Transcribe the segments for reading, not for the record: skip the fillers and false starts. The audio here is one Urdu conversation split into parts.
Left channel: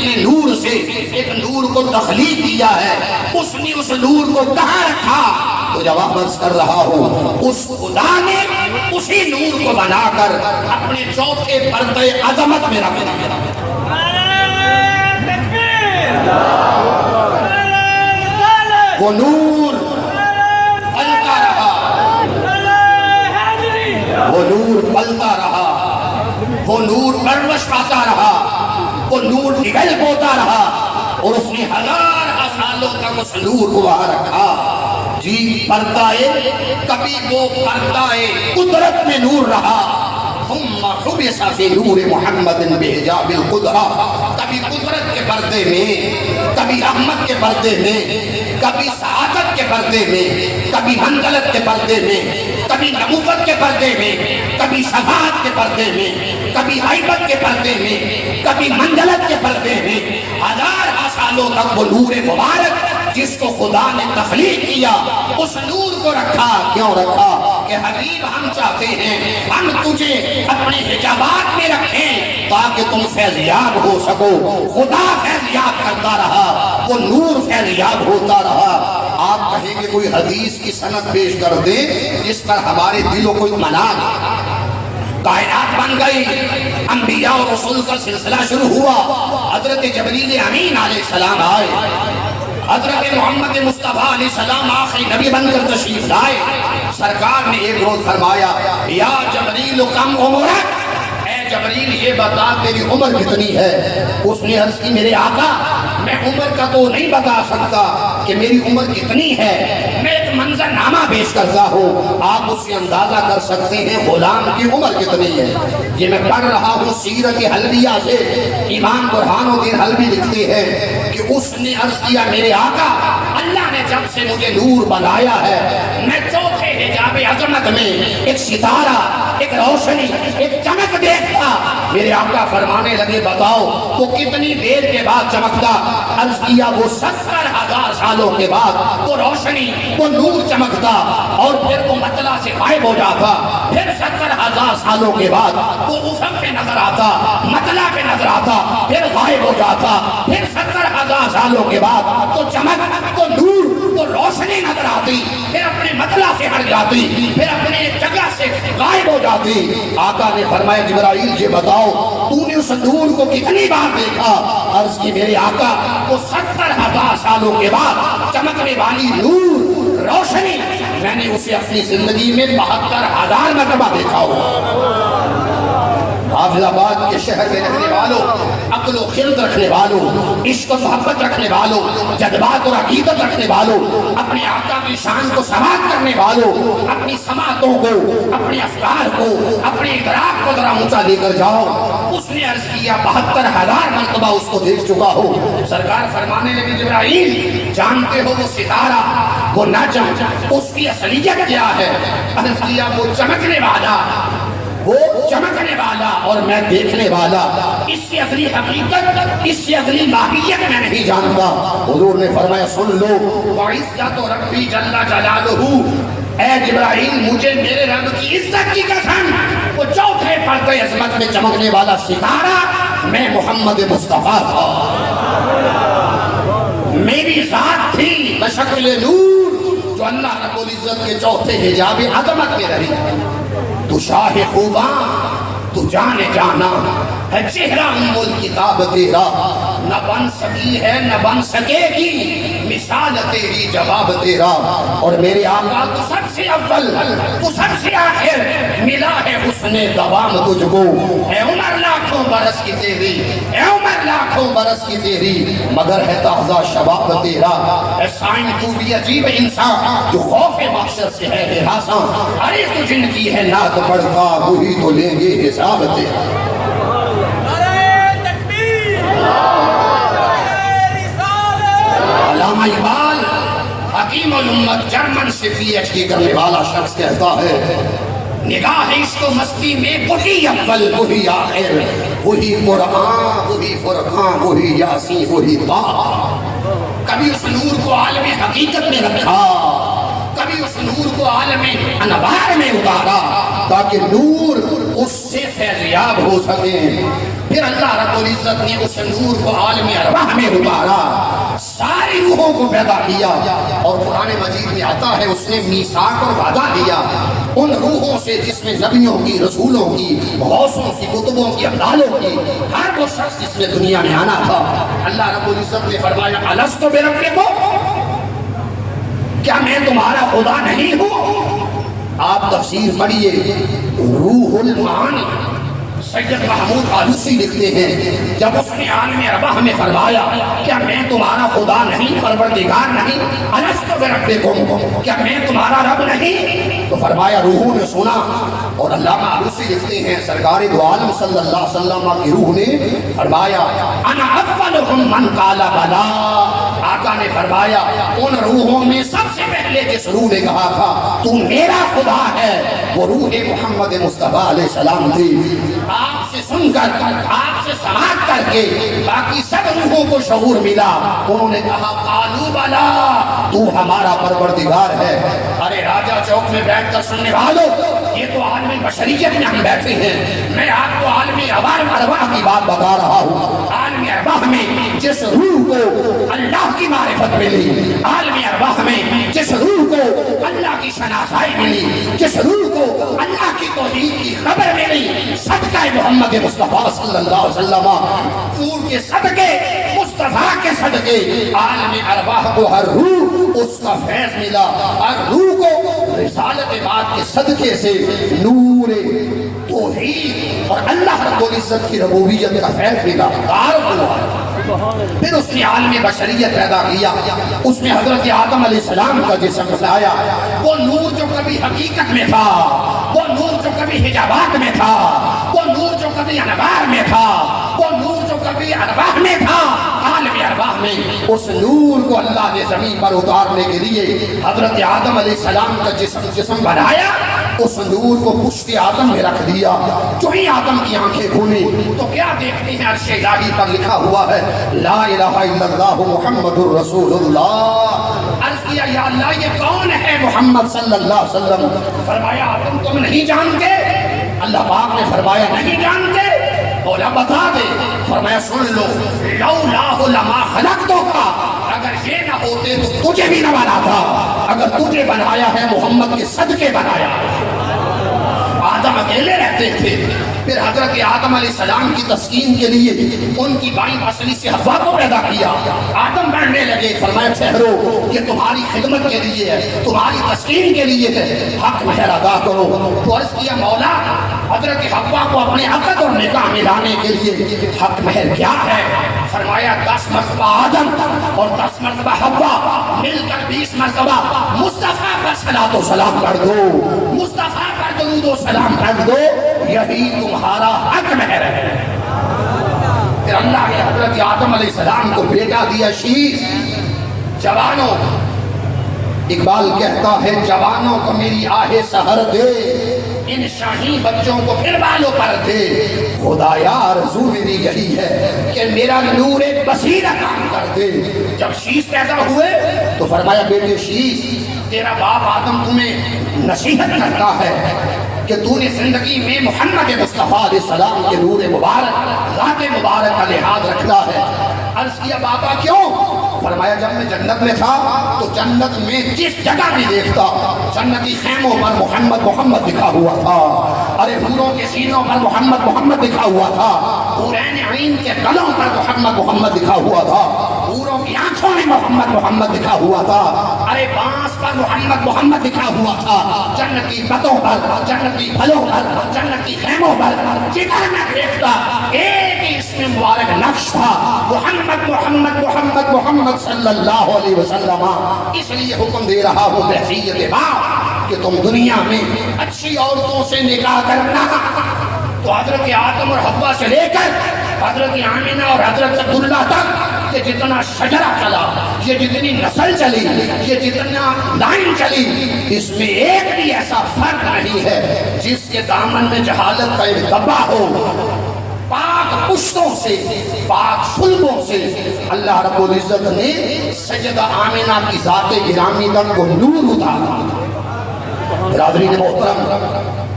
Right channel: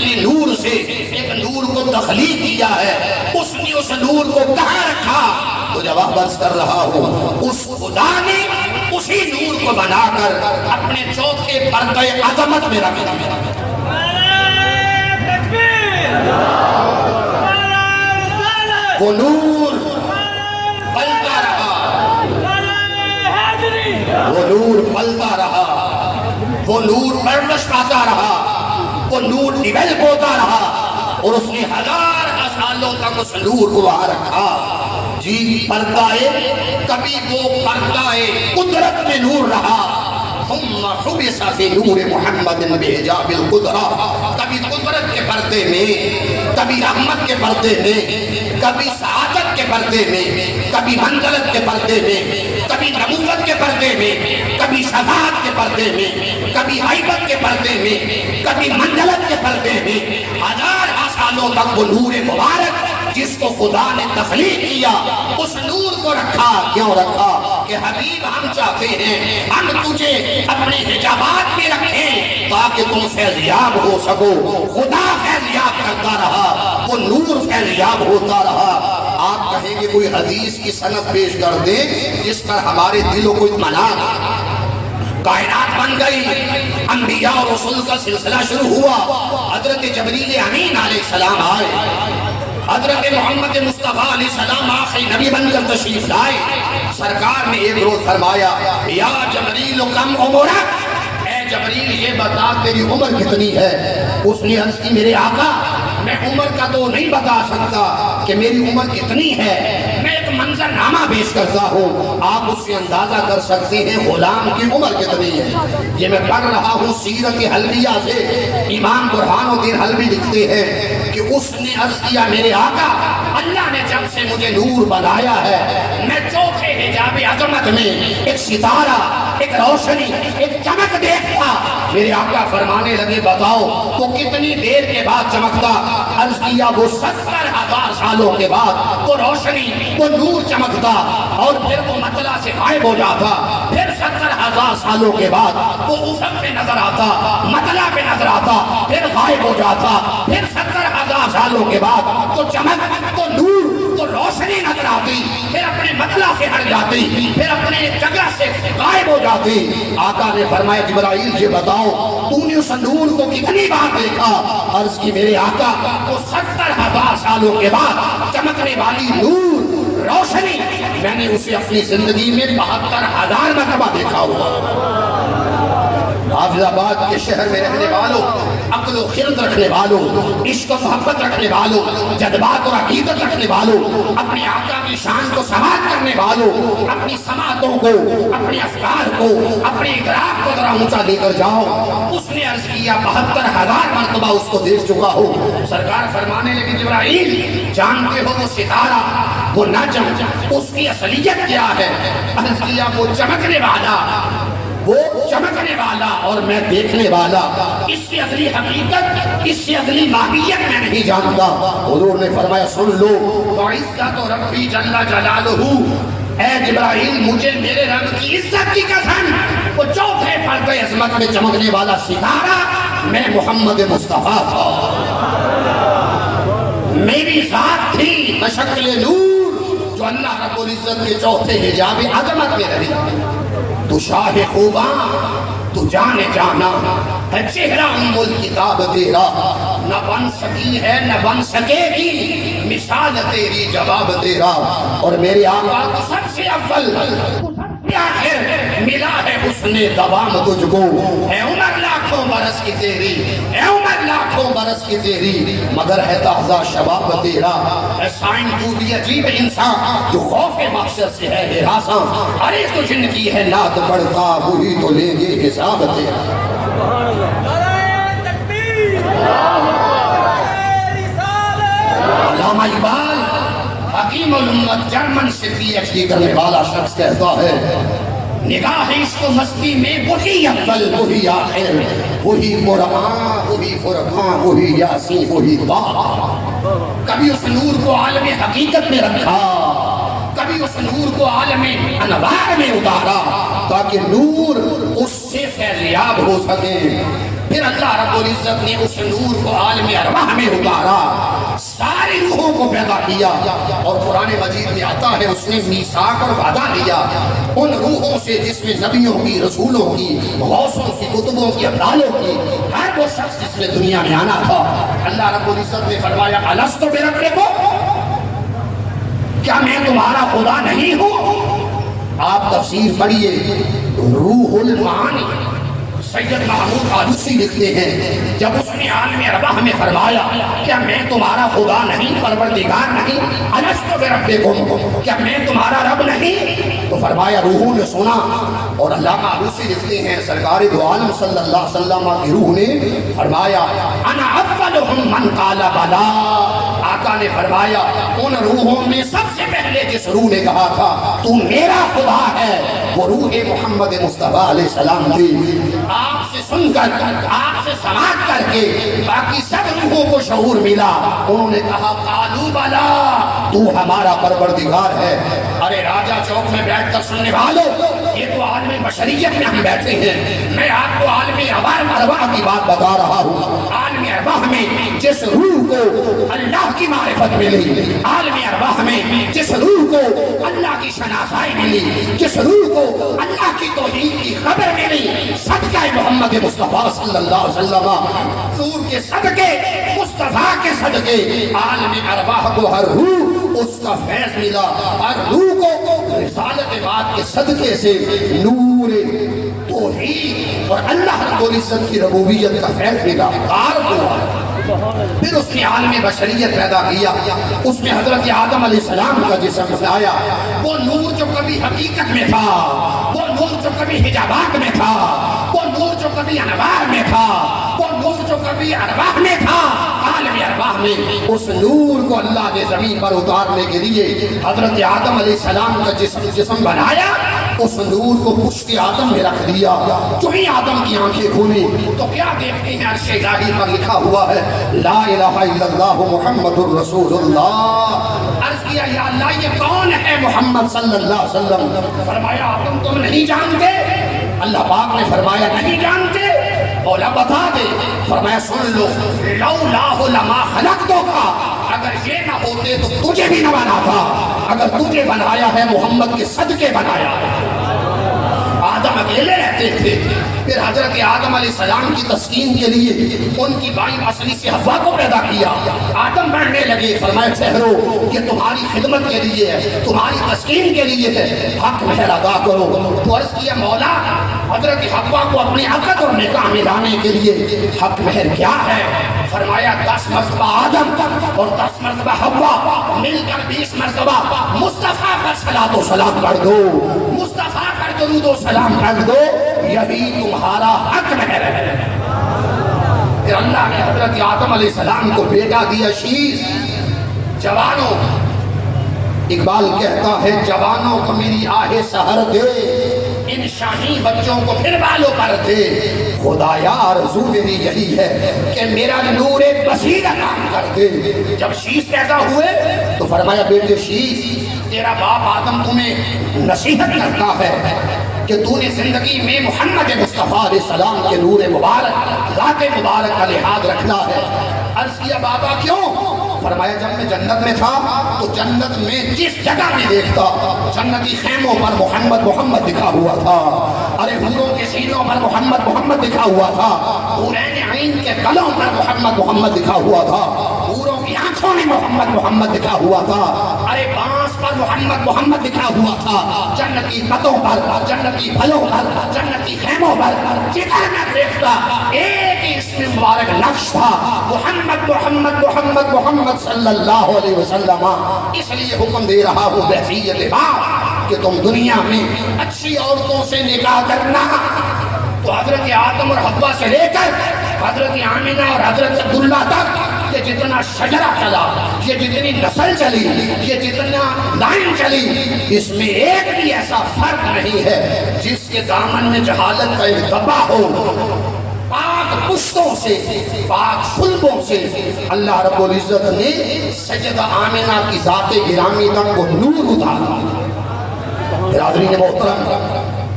اپنے نور سے ایک نور کو تخلیق کیا ہے، اس نے اس نور کو کہاں رکھا؟ تو جواب عرض کر رہا ہوں، اس خدا نے اسی نور کو بنا کر اپنے چوتھے پردے عظمت میں رکھ دیا۔ وہ نور پلتا رہا، وہ نور پلتا رہا، وہ نور پرورش پاتا رہا، وہ نور نگل پوتا رہا، اور اس نے ہزار سالوں تک اس نور کو وہاں رکھا۔ جی پردہ کبھی وہ پردہ قدرت میں نور رہا، ثم خبث فی نور محمد بحجاب القدرہ، کبھی قدرت کے پردے میں، کبھی رحمت کے پردے میں، کبھی سعادت کے پردے میں، کبھی منزلت کے پردے میں، کبھی نبوت کے پردے میں، کبھی شفاعت کے پردے میں، کبھی غیبت کے پردے میں، کبھی منزلت کے پردے میں، ہزار سالوں تک وہ نور مبارک جس کو خدا نے تخلیق کیا، اس نور کو رکھا۔ کیوں رکھا؟ کہ حبیب ہم چاہتے ہیں ہم تجھے اپنے حجابات میں رکھیں تاکہ تم فیضیاب ہو سکو۔ خدا فیضیاب کرتا رہا، وہ نور فیضیاب ہوتا رہا۔ آپ کہیں گے کوئی حدیث کی سند پیش کر دے جس پر ہمارے دلوں کو اطمینان، کائنات بن گئی، انبیاء اور رسول کا سلسلہ شروع ہوا، حضرت جبریل امین علیہ السلام آئے، حضرت محمد مصطفیٰ علیہ السلام آخری نبی بن کر تشریف لائے۔ سرکار نے ایک روز فرمایا، یا جبریل کم عمرک، اے جبریل یہ بتا تیری عمر کتنی ہے؟ اس نے عرض کی میرے آقا میں عمر کا تو نہیں بتا سکتا کہ میری عمر کتنی ہے، میں ایک منظر نامہ پیش کرتا ہوں، آپ اس سے اندازہ کر سکتے ہیں غلام کی عمر کتنی ہے۔ یہ میں پڑھ رہا ہوں سیرت حلبیہ سے، امام برہان الدین حلبی لکھتے ہیں کہ اس نے عرض کیا میرے آقا اللہ نے جب سے مجھے نور بنایا ہے، میں چوتھے حجاب عظمت میں ایک ستارہ، ایک روشنی، ایک چمک دیکھتا۔ میرے آقا فرمانے لگے بتاؤ وہ کتنی دیر کے بعد چمکتا؟ عرض کیا وہ 70,000 سالوں کے بعد وہ روشنی، وہ نور چمکتا اور پھر وہ مطلع سے غائب ہو جاتا، پھر 70,000 سالوں کے بعد وہ افق پہ نظر آتا، مطلع پہ نظر آتا، پھر غائب ہو جاتا، پھر 70,000 سالوں کے بعد وہ چمک، وہ نور، وہ روشنی نظر آتی، پھر اپنے مطلع سے ہٹ جاتی، پھر اپنے جگہ سے غائب ہو جاتی۔ آقا نے فرمایا جبرائیل یہ بتاؤ تو نے اس نور کو کتنی بار دیکھا؟ عرض کی میرے آقا وہ 70,000 سالوں کے بعد چمکنے والی نور روشنی میں نے اسے اپنی زندگی میں 72,000 مرتبہ دیکھا ہوا۔ حافظ آباد کے شہر میں رہنے والوں، عقل و خرد رکھنے والوں، عشق و محبت رکھنے والوں، جذبات اور عقیدت رکھنے والوں، اپنے آقا کی شان کو سماعت کرنے والوں، اپنی سماعتوں کو، اپنے افکار کو، اپنے ادراک کو ذرا اونچا لے کر جاؤ۔ اس نے عرض کیا 72,000 مرتبہ اس کو دیکھ چکا ہو۔ سرکار فرمانے لگے جبرائیل جانتے ہو وہ ستارہ، وہ نجم، اس کی اصلیت کیا ہے؟ عرض کیا وہ چمکنے والا، وہ چمکنے والا اور میں دیکھنے والا، اس سے اصلی حقیقت، اس سے اصلی ماہیت میں نہیں جانتا۔ حضور نے فرمایا سن لو، وعزت ربی جل جلالہ، اے جبرائیل مجھے میرے رب کی عزت کی قسم وہ چوتھے پردے عظمت میں چمکنے والا ستارہ میں محمد مصطفیٰ تھا، میری ذات تھی بشکل نور جو اللہ رب العزت کے چوتھے حجاب عظمت میں رہی۔ تو شاہ خوباں، تو جانے جانا ہے چہرہ ام الکتاب تیرا، نہ بن سکی ہے نہ بن سکے گی مثال تیری جواب تیرا۔ اور میرے آقا تو سب سے اول، تو سب سے آخر، ملا ہے حسن دوام تجھ کو۔ اے عمر لاکھوں برس کی تیری، اے عمر لاکھوں برس کی تیری، مگر ہے تازہ شباب تیرا۔ اے سائن تو بھی عجیب انسان جو خوف محشر سے ہے ہراساں، ارے تو جن کی ہے نعت پڑھتا وہی تو لیں گے حساب تیرا۔ علامہ اقبال حکیم الامت جرمن سے پی ایچ ڈی کرنے والا شخص کہتا ہے نگاہ عشق و مستی میں وہی اول وہی آخر، وہی قرآن وہی فرقان وہی یاسین وہی طٰہٰ۔ کبھی اس نور کو عالم حقیقت میں رکھا، کبھی اس نور کو عالم انوار میں اتارا تاکہ نور اس سے فیضیاب ہو سکے۔ پھر اللہ رب العزت نے اس نور کو عالم ارواح میں اتارا، ساری روحوں کو پیدا کیا، اور قرآن مجید میں آتا ہے اس نے میثاق اور وعدہ لیا ان روحوں سے جس میں نبیوں کی، رسولوں کی، غوثوں کی، کتبوں کی، ابدالوں کی، ہر وہ شخص جس نے دنیا میں آنا تھا۔ اللہ رب العزت نے فرمایا الستُ بربکم، کیا میں تمہارا خدا نہیں ہوں؟ آپ تفسیر پڑھیے، روح المعانی سید محمود آلوسی لکھتے ہیں جب اس نے عالم ارواح میں فرمایا کیا میں تمہارا خدا نہیں، پروردگار نہیں، الستُ بربکم، کیا میں تمہارا رب نہیں، تو فرمایا روحوں نے سنا۔ اور علامہ آلوسی لکھتے ہیں سرکار دو عالم صلی اللہ علیہ وسلم کی روح نے فرمایا انا اولہم من قال بلا، آقا نے فرمایا ان روحوں میں سب سے پہلے جس روح نے کہا تھا تو میرا خدا ہے وہ روح محمد مصطفیٰ علیہ السلام تھی۔ آپ سے سن کر، آپ سے سماعت کر کے باقی سب روحوں کو شعور ملا، انہوں نے کہا قالوا بلا، تو ہمارا پروردگار ہے۔ ارے راجہ چوک میں بیٹھ کر سننے والوں، یہ تو عالمی بشریت میں ہم بیٹھے ہیں، میں آپ کو عالمی ارواح کی بات بتا رہا ہوں۔ عالمی ارواح میں جس روح کو اللہ کی معرفت ملی، عالمی ارواح میں جس روح کو اللہ کی شناسائی ملی، جس روح کو اللہ کی توحید کی خبر ملی، صدقہ محمد مصطفیٰ صلی اللہ علیہ وسلم، نور کے صدقے، مصطفیٰ کے صدقے، عالمی ارواح کو ہر روح اس کا فیض ملا، ہر روح کو رسالت بات کے صدقے سے نور توحید اور اللہ رب العزت کی ربوبیت کا فیض ملا، تعارف ہوا۔ پھر اس نے عالم بشریت پیدا کیا، اس میں حضرت آدم علیہ السلام کا جسم بنایا، وہ نور جو کبھی حقیقت میں تھا، وہ نور جو کبھی حجابات میں تھا، وہ نور جو کبھی انوار میں تھا، وہ نور جو کبھی ارواح میں تھا، عالم ارواح میں اس نور کو اللہ نے زمین پر اتارنے کے لیے حضرت آدم علیہ السلام کا جسم بنایا، اس نور کو پشت آدم میں رکھ دیا۔ جو ہی آدم کی آنکھیں کھلی تو کیا دیکھتے ہیں؟ عرش الہی پر لکھا ہوا ہے لا الہ الا اللہ محمد الرسول اللہ۔ عرض کیا یا اللہ یہ کون ہے محمد صلی اللہ علیہ وسلم؟ فرمایا آدم تم نہیں جانتے؟ اللہ پاک نے فرمایا نہیں جانتے؟ بولا بتا دے، فرمایا سن لو، لولا لما خلقتک، اگر یہ نہ ہوتے تو تجھے بھی نہ بنا تھا، اگر تجھے بنایا ہے محمد کے صدقے بنایا ہے۔ آدم اکیلے رہتے تھے، پھر حضرت آدم علیہ السلام کی تسکین کے لیے ان کی بائیں پسلی سے حوا کو پیدا کیا۔ آدم بڑھنے لگے، فرمایا ٹھہرو یہ تمہاری خدمت کے لیے ہے، تمہاری تسکین کے لیے ہے، حق مہر ادا کرو۔ تو عرض کیا مولا حضرت حوا کو اپنے عقد اور نکاح میں لانے کے لیے حق مہر کیا ہے؟ فرمایا 10 مرتبہ آدم اور 10 مرتبہ حوا مل کر 20 مرتبہ مصطفیٰ پر صلاۃ و سلام کر دو، مصطفیٰ پر درود و سلام کر دو، یہی تمہارا حق مہر ہے۔ پھر اللہ نے حضرت آدم علیہ السلام کو بیٹا دیا شیش۔ جوانوں، اقبال کہتا ہے جوانوں کو میری آہ سحر دے، ان شاہی بچوں کو پھر بالوں پر دے، خدایا آرزو میری یہی ہے کہ میرا نور بصیرت عام کر دے۔ جب شیش پیدا ہوئے تو فرمایا بیٹے شیش تیرا باپ آدم تمہیں نصیحت کرتا ہے کہ تو نے زندگی میں محمد مصطفیٰ علیہ السلام کے نور مبارک، ذات مبارک کا لحاظ رکھنا ہے۔ عرض کیا بابا کیوں؟ فرمایا جب میں جنت میں تھا تو جنت میں جس جگہ بھی دیکھتا جنتی خیموں پر محمد محمد لکھا ہوا تھا، ارے حوروں کے سینوں پر محمد محمد لکھا ہوا تھا، حورین عین کے گلوں پر محمد محمد لکھا ہوا تھا، حوروں کی آنکھوں میں محمد محمد لکھا ہوا تھا، ارے بانس پر محمد محمد لکھا ہوا تھا، جنتی پتوں پر، جنتی پھلوں پر، جنتی خیموں پر جدھر میں دیکھتا ایک ہی اسم مبارک نقش تھا، محمد محمد محمد محمد صلی اللہ علیہ وسلم۔ اس لیے حکم دے رہا ہوں بحیثیت باپ کہ تم دنیا میں اچھی عورتوں سے نکاح کرنا۔ تو حضرت آدم اور حوا سے لے کر حضرت آمینہ اور حضرت عبداللہ تک یہ جتنا شجرہ چلا، یہ جتنی نسل چلی، یہ جتنا لائن چلی، اس میں ایک بھی ایسا فرق نہیں ہے جس کے دامن میں جہالت کا ارتباط ہو۔ پاک پشتوں سے، پاک سلبوں سے اللہ رب العزت نے سیدہ آمینہ کی ذات گرامی تک کو نور اتارا۔ برادرین محترم،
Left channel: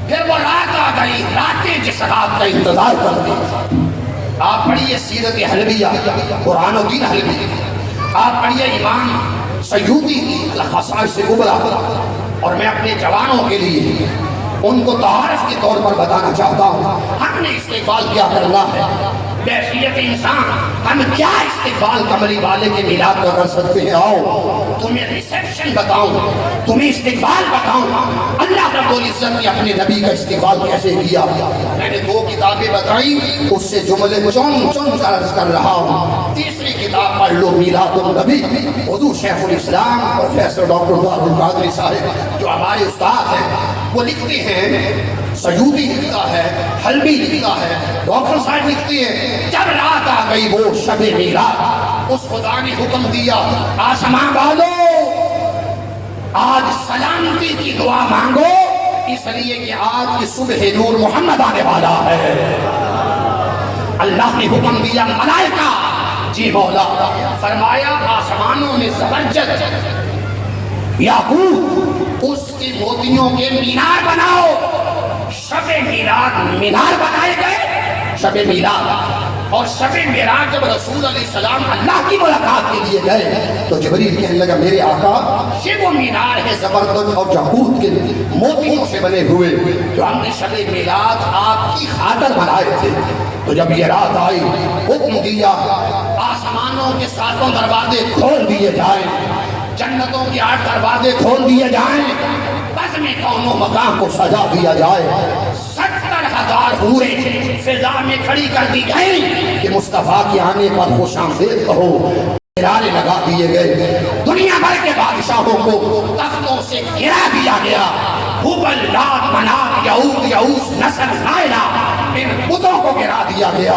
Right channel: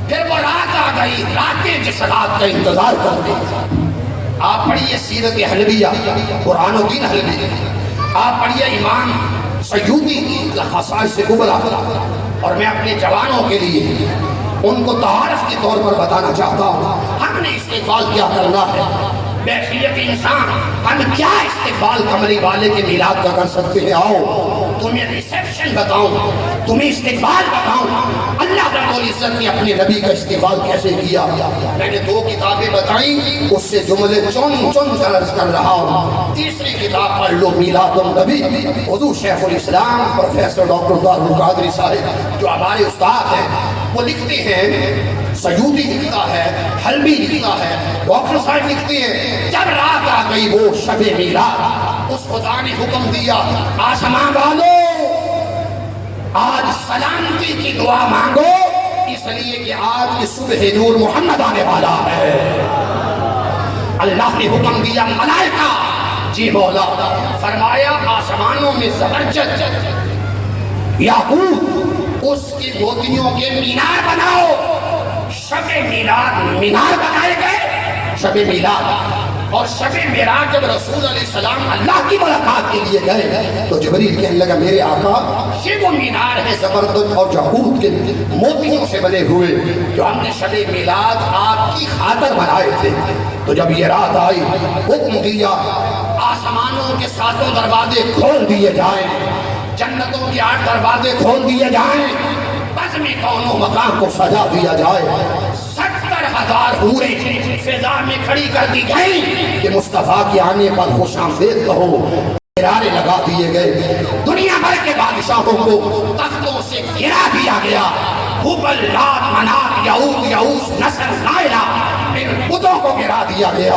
پھر وہ رات آ گئی، راتیں جس رات کا انتظار کرتے آپ پڑھیے سیرت حلبیہ قرآن و دین حلبی، آپ پڑھیے امام سیوطی کی خصائص کبریٰ، اور میں اپنے جوانوں کے لیے ان کو تعارف کے طور پر بتانا چاہتا ہوں ہم نے استقبال کیا کرنا ہے بحیثیت انسان، ہم کیا استقبال کمری والے کے میلاد کا کر سکتے ہیں۔ آؤ تمہیں ریسیپشن بتاؤں، تمہیں استقبال بتاؤں اللہ رب العزت نے اپنے نبی کا استقبال کیسے کیا۔ میں نے 2 کتابیں بتائیں، اس سے جملے چن کر عرض کر رہا ہوں۔ تیسری کتاب پڑھ لو میلاد النبی، حضور شیخ الاسلام پروفیسر ڈاکٹر عبد القادری صاحب جو ہمارے استاد ہیں وہ لکھتے ہیں، سیوطی لکھتا ہے، حلبی لکھتا ہے، ڈاکٹر صاحب لکھتے ہیں، جب رات آ گئی وہ شب میلاد، اس خدا نے حکم دیا آسمان والوں آج سلامتی کی دعا مانگو، اس لیے کہ آج کی صبح نور محمد آنے والا ہے۔ اللہ نے حکم دیا ملائکہ، جی مولا، فرمایا آسمانوں میں زبرجد یاقوت اس کی موتیوں کے مینار بناؤ۔ شب میلاد مینار بنائے گئے، شب میلاد اور شب معراج جب رسول علیہ السلام اللہ کی ملاقات کے لیے گئے تو جبریل کہنے لگا میرے آقا یہ وہ مینار ہے زبرجد اور یاقوت کے موتیوں سے بنے ہوئے جو ہم نے شب میلاد آپ کی خاطر بنائے تھے۔ تو جب یہ رات آئی حکم دیا آسمانوں کے 7 دروازے کھول دیے جائیں، جنتوں کے 8 دروازے کھول دیے جائیں، بزم کون و مکان کو سجا دیا جائے، 70,000 حوریں فضا میں کھڑی کر دی گئیں کہ مصطفیٰ کے آنے پر خوش آمدید کہو، گرانے لگا دیے گئے، دنیا بھر کے بادشاہوں کو تختوں سے گرا دیا گیا، حبل لات منات یعوق یعوس نصر نائلہ ان بتوں کو گرا دیا گیا،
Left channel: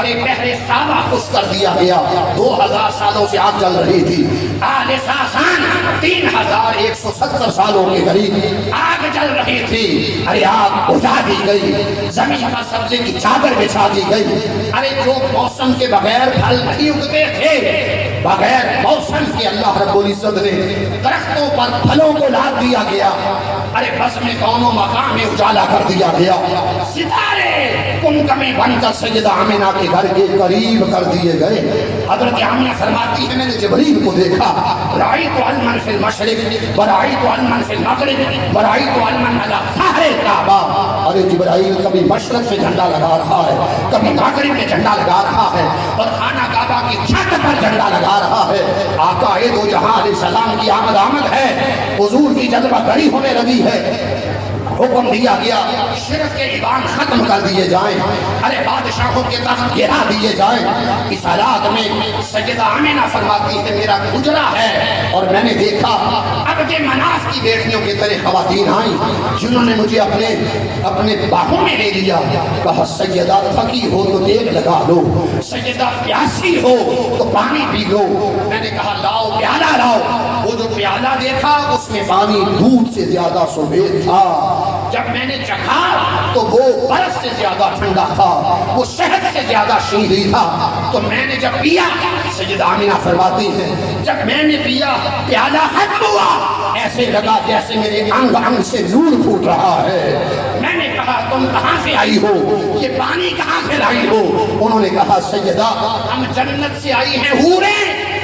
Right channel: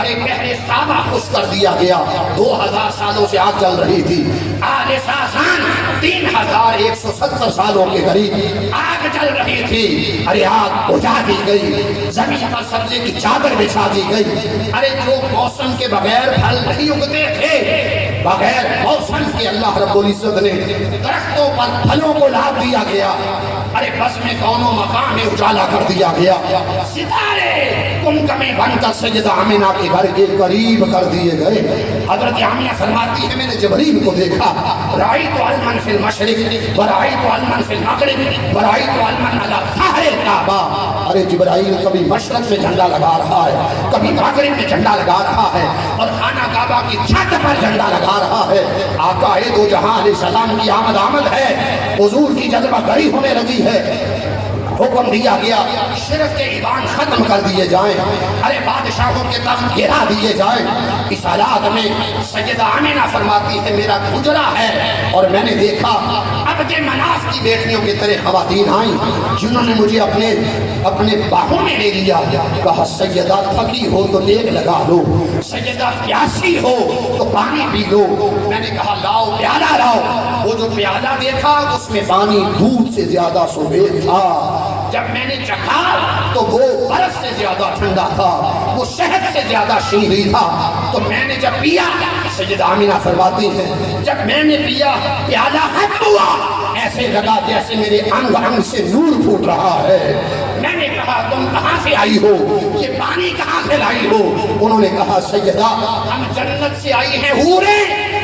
ارے پہلے سابا خوش کر دیا گیا، 2000 سالوں سے آگ جل رہی تھی، آل ساسان 3170 سالوں کے قریب آگ جل رہی تھی، ارے آگ بجھا دی گئی، زمین پر سبزے کی چادر بچھا دی گئی، ارے جو موسم کے بغیر پھل نہیں اگتے تھے، بغیر موسم کے اللہ رب العزت نے درختوں پر پھلوں کو لاد دیا گیا، ارے بس میں دونوں مقام میں اجالا کر دیا گیا، ستارے کم کمی بن کر سجدہ آمنہ کے گھر کے قریب کر دیے گئے۔ حضرت آمنہ فرماتی ہے میں نے جبریل کو دیکھا، رأیت علما فی المشرق ورأیت علما فی المغرب ورأیت علما علی ظہر الکعبہ، ارے جبرائیل کبھی مشرق میں جھنڈا لگا رہا ہے، کبھی مغرب میں جھنڈا لگا رہا ہے، اور خانہ کعبہ کی چھت پر جھنڈا لگا رہا ہے۔ آقا دو جہاں علیہ السلام کی آمد ہے، حضور کی جذبہ گری ہونے لگی ہے، حکم دیا گیا شرک کے ایوان ختم کر دیے جائیں، ارے بادشاہوں کے تخت گرا دیے جائیں۔ اس حالات میں سیدہ آمنہ فرماتی ہے میرا گزرا ہے اور میں نے دیکھا اب کے مناف کی بیٹیوں کی طرح خواتین آئیں جنہوں نے مجھے اپنے باہوں میں لے لیا، کہا سیدہ تھکی ہو تو دیگ لگا لو، سیدہ پیاسی ہو تو پانی پی لو۔ میں نے کہا لاؤ پیالہ لاؤ، وہ جو پیالہ دیکھا اس میں پانی دودھ سے زیادہ سفید تھا، جب میں نے چکھا تو وہ برف سے زیادہ ٹھنڈا تھا، وہ شہد سے زیادہ شیریں تھا۔ تو میں نے جب پیا، سیدہ آمنہ فرماتی ہے جب میں نے پیا پیالہ ختم ہوا ایسے لگا جیسے میرے انگ انگ سے نور پھوٹ رہا ہے۔ میں نے کہا تم کہاں سے آئی ہو، یہ پانی کہاں سے لائی ہو؟ انہوں نے کہا سیدہ ہم جنت سے آئی ہیں حوریں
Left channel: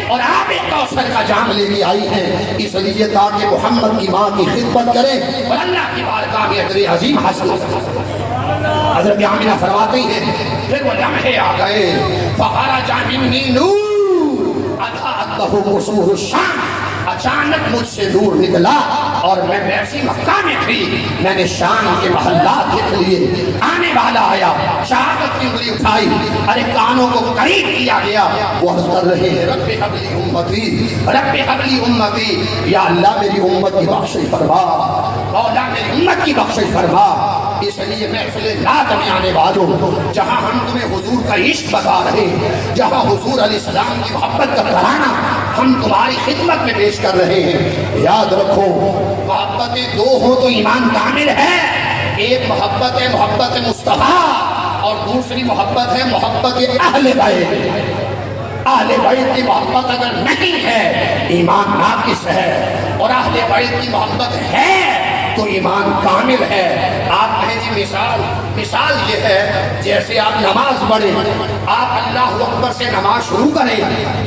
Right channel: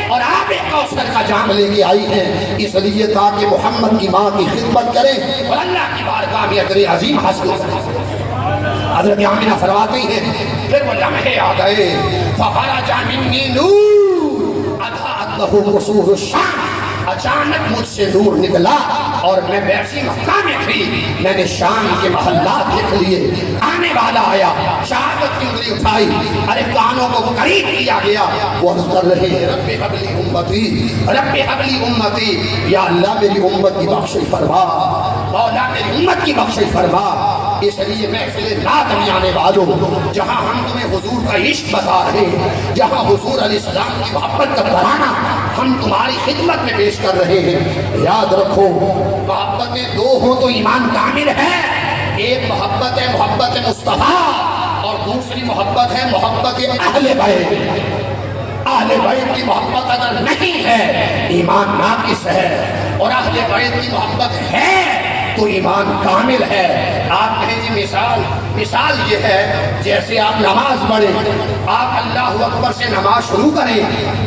اور آب کوثر کا جام لے کے آئی ہیں، اس لیے تاکہ محمد کی ماں کی خدمت کریں اور اللہ کی بارگاہ میں اجر عظیم حاصل کریں۔ حضرت آمنہ فرماتی ہے پھر وہ لمحے آ گئے، فخرج منی نور اضاءت له قصور الشام، اچانک مجھ سے نور نکلا اور میں بیٹھی مکہ میں تھی، میں نے شام کے محلات دیکھ لیے، آنے والا آیا، شہادت کی انگلی اٹھائی، ارے کانوں کو قریب کیا گیا، وہ عرض کر رہے ہیں رب حبلی امتی، رب حبلی امتی، یا اللہ میری امت کی بخشش فرما، مولا میری امت کی بخشش فرما۔ اس لیے محفل نادمی آنے والوں، جہاں ہم تمہیں حضور کا عشق بتا رہے ہیں، جہاں حضور علیہ السلام کی محبت کا ترانہ ہم تمہاری خدمت میں پیش کر رہے ہیں، یاد رکھو محبتیں دو ہوں تو ایمان کامل ہے، ایک محبت ہے محبت مصطفیٰ اور دوسری محبت ہے محبت اہل بیت۔ اہل بیت کی محبت اگر نہیں ہے ایمان ناقص ہے، اور اہل بیت کی محبت ہے تو ایمان کامل ہے۔ آپ کہیں جی مثال یہ ہے جیسے آپ نماز پڑھیں، آپ اللہ اکبر سے نماز شروع کریں،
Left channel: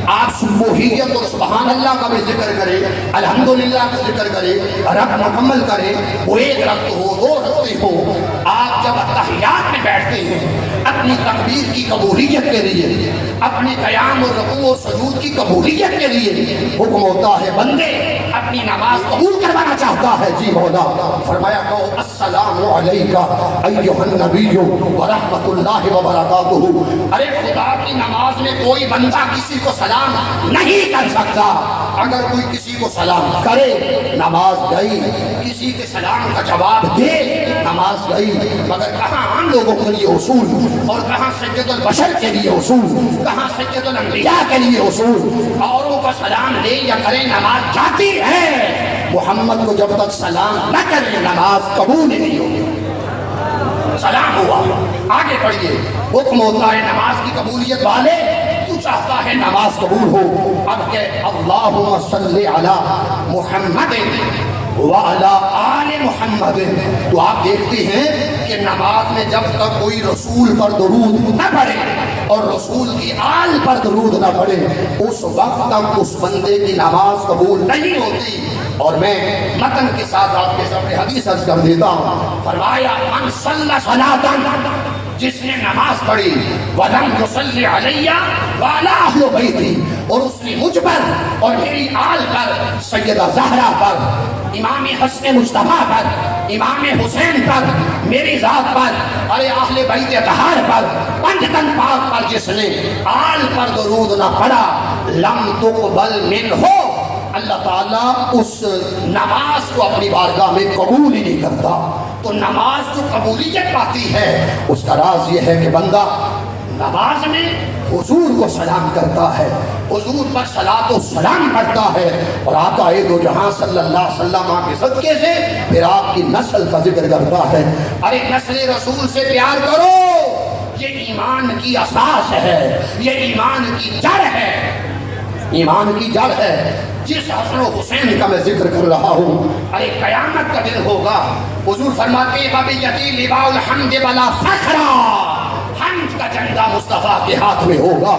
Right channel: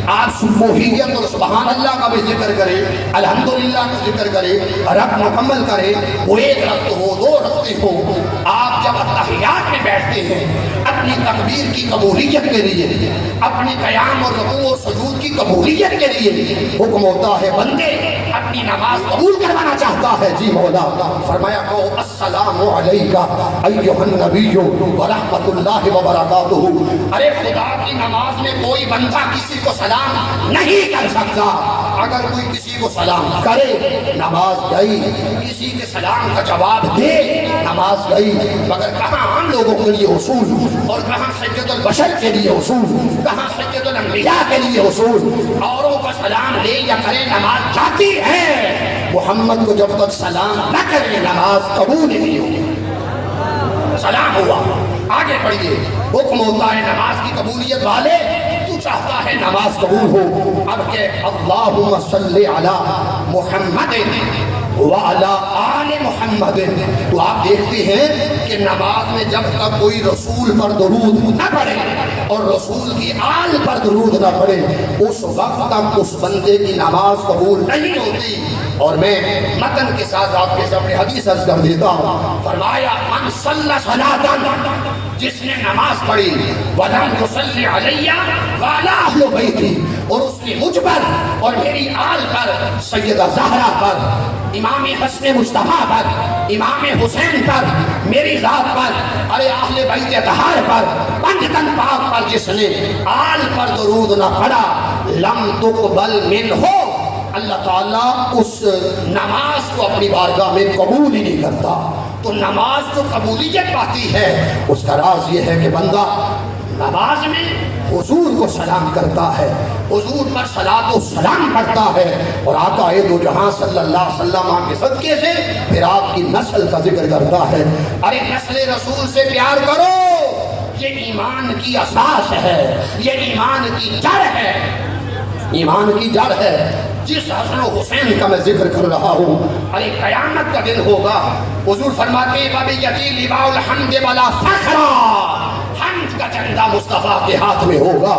آپ سبحیت اور سبحان اللہ کا بھی ذکر کریں، الحمدللہ کا ذکر کریں، رکعت مکمل کریں، وہ ایک رکعت ہو، دو رکعتیں ہو، آپ جب اتحیات میں بیٹھتے ہیں اپنی تکبیر کی قبولیت کے لیے، اپنی قیام اور رکوع اور سجود کی قبولیت کے لیے حکم ہوتا ہے بندے اپنی نماز قبول کروانا چاہتا ہے، جی مولا فرمایا کہ السلام علیکہ ایھا النبی ورحمۃ اللہ وبرکاتہ۔ ارے خدا کی نماز میں کوئی بندہ کسی کو سلام نہیں کر سکتا، اگر کوئی کسی کو سلام کرے نماز گئی، کسی کے سلام کا جواب دے نماز گئی، مگر کہاں ہم لوگوں کے لیے اصول اور کہاں سید البشر کے لیے اصول، کہاں سید الانبیاء کے لیے اصول، اوروں کا سلام لے یا کرے نماز جاتی ہے، محمد کو جب تک سلام نہ کرے نماز قبول نہیں ہوگی۔ سلام ہوا، آگے بڑھیے، حکم ہوتا ہے نماز کی قبولیت والے، تو چاہتا ہے نماز قبول ہو، اب کہ اللہم صلی علی محمد وعلی آل محمد، تو آپ دیکھتے ہیں کہ نماز میں جب تک کوئی رسول پر درود نہ پڑھے اور رسول کی آل پر درود نہ پڑھے اس وقت تک اس بندے کی نماز قبول نہیں ہوتی۔ اور میں متن کے ساتھ آپ کے سامنے حدیث عرض کر دیتا ہوں، فرمایا من صلی صلاۃ، جس نے نماز پڑھی وَلَمْ تُصَلِّ عَلَيَّ وَعَلَىٰ أَهْلِ بَيْتِي، اور اس نے مجھ پر اور میری آل پر، سیدہ زہرا پر، امام حسن مصطفیٰ پر، امام حسین پر، میری ذات پر، ارے اہل بیت اطہار پر، پنج تن پاک پر جس نے آل پر درود نہ پڑھا لم تقبل منہ، اللہ تعالیٰ اس نماز کو اپنی بارگاہ میں قبول ہی نہیں کرتا۔ تو نماز جو قبولیت پاتی ہے اس کا راز یہ ہے کہ بندہ نماز میں حضور کو سلام کرتا ہے، حضور پر صلاۃ و سلام کرتا ہے، اور آقا دو جہاں صلی اللہ علیہ وسلم کے صدقے سے پھر آپ کی نسل کا ذکر کرتا ہے۔ ارے نسل رسول سے پیار کرو، یہ ایمان کی اساس ہے، یہ ایمان کی جڑ ہے، ایمان کی جڑ ہے۔ جس حسن و حسین کا میں ذکر کر رہا ہوں، ارے قیامت کا دن ہوگا، حضور فرماتے بِیَدِی لِوَاءُ الْحَمْدِ وَلَا فَخْرَ، حمد کا جھنڈا مصطفیٰ کے ہاتھ میں ہوگا،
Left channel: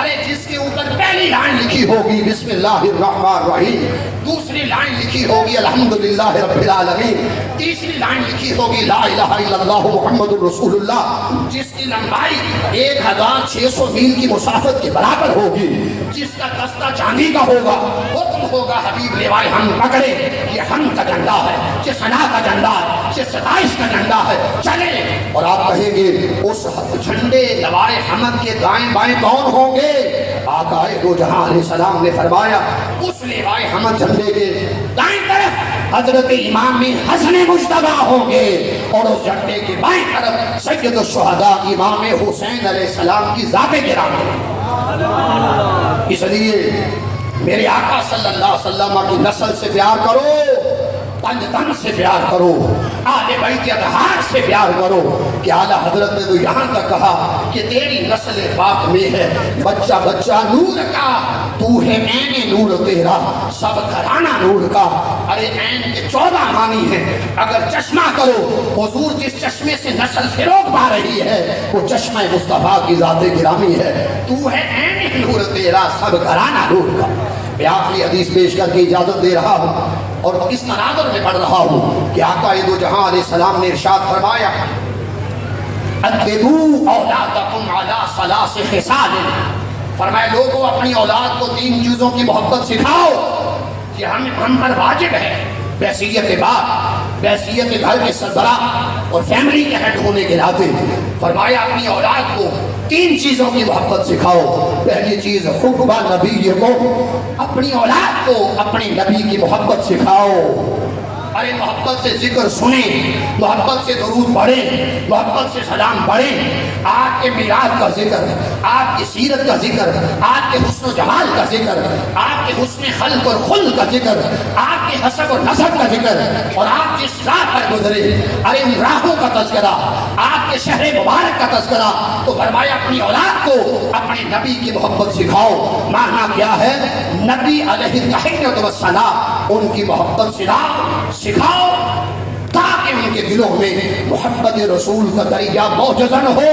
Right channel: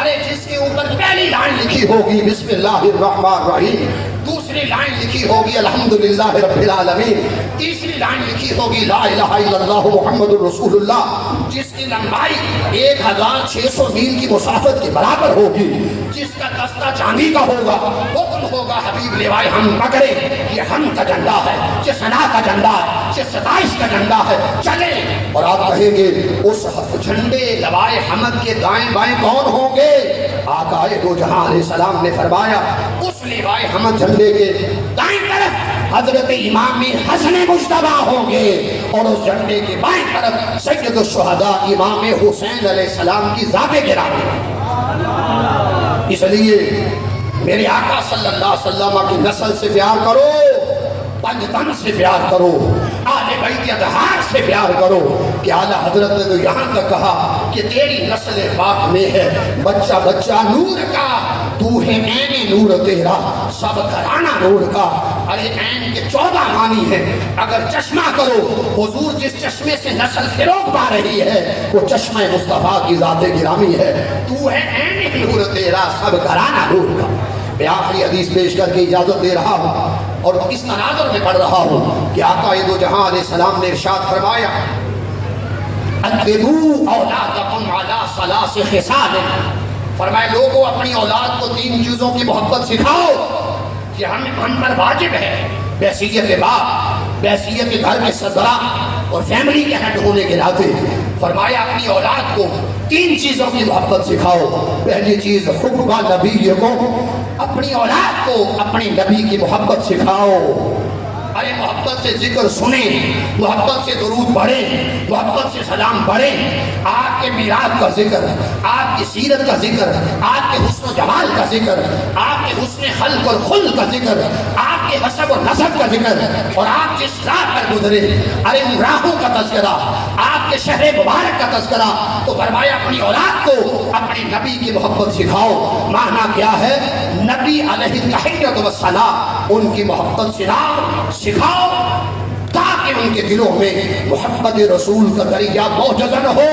ارے جس کے اوپر پہلی لائن لکھی ہوگی بسم اللہ الرحمن الرحیم، دوسری لائن لکھی ہوگی الحمدللہ رب العالمین، تیسری لائن لکھی ہوگی لا الہ الا اللہ محمد رسول اللہ، جس کی لمبائی 1600 میل کی مسافت کے برابر ہوگی، جس کا دستہ چاندی کا ہوگا، حکم ہوگا حبیب لیوائے ہم پکڑے، یہ ہم کا جھنڈا ہے، یہ ثنا کا جھنڈا ہے، یہ ستائش کا جھنڈا ہے، چلے۔ اور آپ کہیں گے اس جھنڈے لوائے حمد کے دائیں بائیں کون ہوں گے؟ آقا دو جہاں علیہ السلام نے فرمایا اس لیوائے حمد جھنڈے کے دائیں طرف حضرت امام حسن مجتبیٰ ہوں گے، اور اس جھنڈے کے بائیں طرف سید الشہداء امام حسین علیہ السلام کی ذات گرامی۔ اس لیے میرے آقا صلی اللہ علیہ وسلم کی نسل سے پیار کرو، پنج تن سے پیار کرو، آل بیت اطہار سے پیار کرو، کہ اعلیٰ حضرت نے تو یہاں تک کہا کہ تیری نسل پاک میں ہے بچہ بچہ نور کا، تو ہے عین نور تیرا، سب گھرانہ نور کا۔ ارے عین کے 14 معنی ہیں، اگر چشمہ کرو حضور جس چشمے سے نسل فروغ پا رہی ہے وہ چشمہ مصطفیٰ کی ذات گرامی ہے، تو ہے عین نور تیرا، سب گھرانہ نور کا۔ میں آخری حدیث پیش کر کے اجازت دے رہا ہوں اور اس تناظر میں پڑھ رہا ہوں کہ آقا دو جہاں علیہ السلام نے ارشاد فرمایا اَدِّبُوا أَوْلَادَكُمْ عَلَىٰ ثَلَاثِ خِصَالٍ، فرمایا لوگوں اپنی اولاد کو 3 چیزوں کی محبت سکھاؤ، یہ ہم پر واجب ہے، بحیثیت باپ، بحیثیت گھر کے سربراہ اور فیملی کے ہیڈ ہونے کے ناطے، فرمایا اپنی اولاد کو 3 چیزوں کی محبت سکھاؤ۔ پہلی چیز حب نبی کو، اپنی اولاد کو اپنی نبی کی محبت سکھاؤ، ارے محبت سے ذکر سنیں، محبت سے درود پڑھیں، محبت سے سلام پڑھیں، آپ کے میلاد کا ذکر، آپ کی سیرت کا ذکر، آپ کے حسن و جمال کا ذکر، آپ کے حسن خلق اور خلق کا ذکر، آپ کے حسب و نسب کا ذکر، اور آپ جس راہ پر گزرے ارے ان راہوں کا تذکرہ، آپ کے شہر مبارک کا تذکرہ، تو فرمایا اپنی اولاد کو اپنے نبی کی محبت سکھاؤ۔ معنی کیا ہے؟ نبی علیہ الصلوۃ والسلام ان کی محبت سکھاؤ، کہ ان کے دلوں میں محمد رسول کا درجہ موجزن ہو۔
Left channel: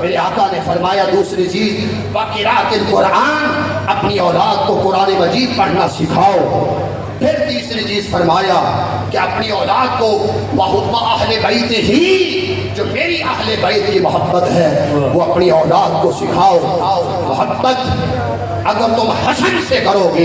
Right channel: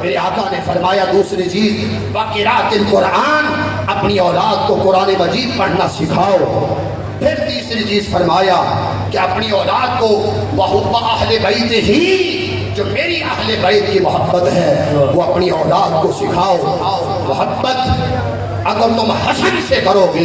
میرے آقا نے فرمایا دوسری چیز وقراءۃ القرآن، اپنی اولاد کو قرآن مجید پڑھنا سکھاؤ۔ پھر تیسری چیز فرمایا کہ اپنی اولاد کو وَحُبَّ اہل بیت ہی، جو میری اہل بیت کی محبت ہے وہ اپنی اولاد کو سکھاؤ۔ محبت اگر تم حسن سے کرو گے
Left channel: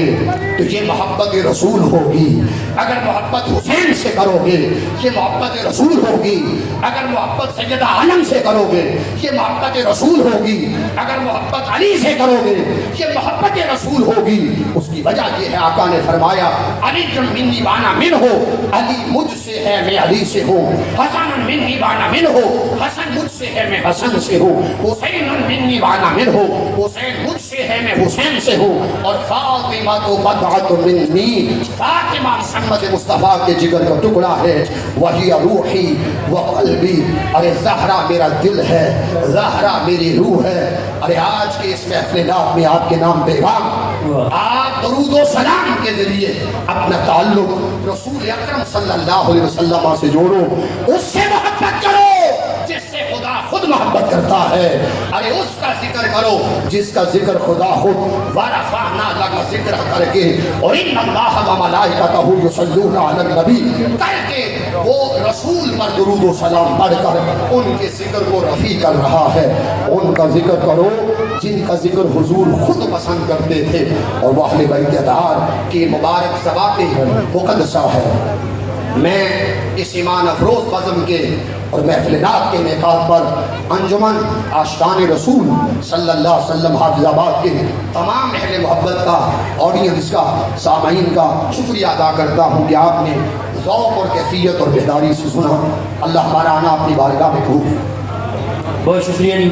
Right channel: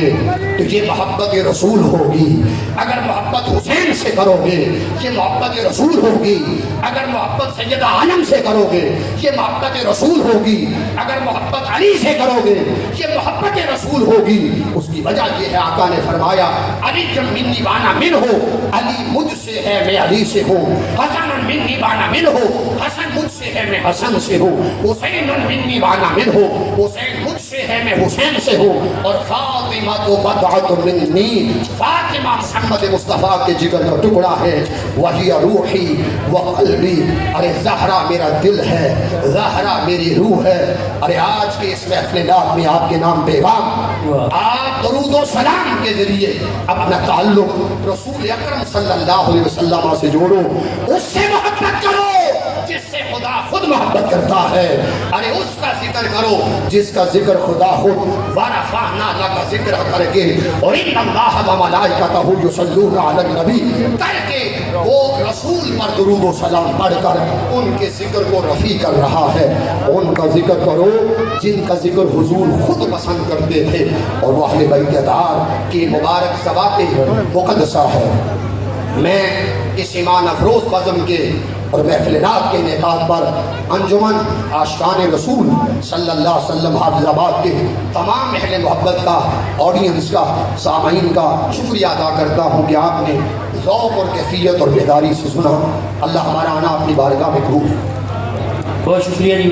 تو یہ محبت رسول ہوگی، اگر محبت حسین سے کرو گے یہ محبت رسول ہوگی، اگر محبت سیدہ عالم سے کرو گے یہ محبت رسول ہوگی، اگر محبت علی سے کرو گے یہ محبت رسول ہوگی۔ اس کی وجہ یہ ہے آقا نے فرمایا علی منی وانا من ہو، علی مجھ سے ہے میں علی سے ہوں، حسن منی وانا من ہو، حسن مجھ سے ہے میں حسن سے ہوں، حسین منی وانا من ہو، حسین مجھ سے ہے میں حسین سے ہوں، اور فاطمہ تو بضعۃ منی، فاطمہ محمد مصطفیٰ کے جگر کا ٹکڑا ہے، وہی روحی و قلبی، ارے زہرا میرا دل ہے، زہرا میری روح ہے۔ ارے آج کے اس محفل نام میں آپ کے نام پیغام، آپ درود و سلام کے ذریعے اپنا تعلق رسول اکرم صلی اللہ علیہ وسلم سے جوڑو، اس سے محبت کرو جس سے خدا خود محبت کرتا ہے، ارے اس کا ذکر کرو جس کا ذکر خدا خود ورفعنا لک ذکر کر کے، اور ان اللہ و ملائکتہ یصلون علی النبی کر کے وہ رسول پر درود و سلام پڑھ کر ان کے ذکر کو رفیع کر رہا ہے۔ ان کا ذکر کرو جن کا ذکر حضور خود پسند کرتے تھے، اور وہ اہل بیت ادھار کی مبارک ذوات مقدسہ ہے۔ میں اس ایمان افروز بزم کے اور محفل نعت کے انعقاد پر انجمن عاشقان رسول صلی اللہ علیہ وسلم حافظ آباد کے تمام اہل محبت کا، آڈینس کا، سامعین کا شکریہ ادا کرتا ہوں کہ آپ نے ذوق اور کیفیت اور بیداری سے سنا۔ اللہ ہمارا آنا اپنی بارگاہ میں قبول۔ بہت شکریہ جی۔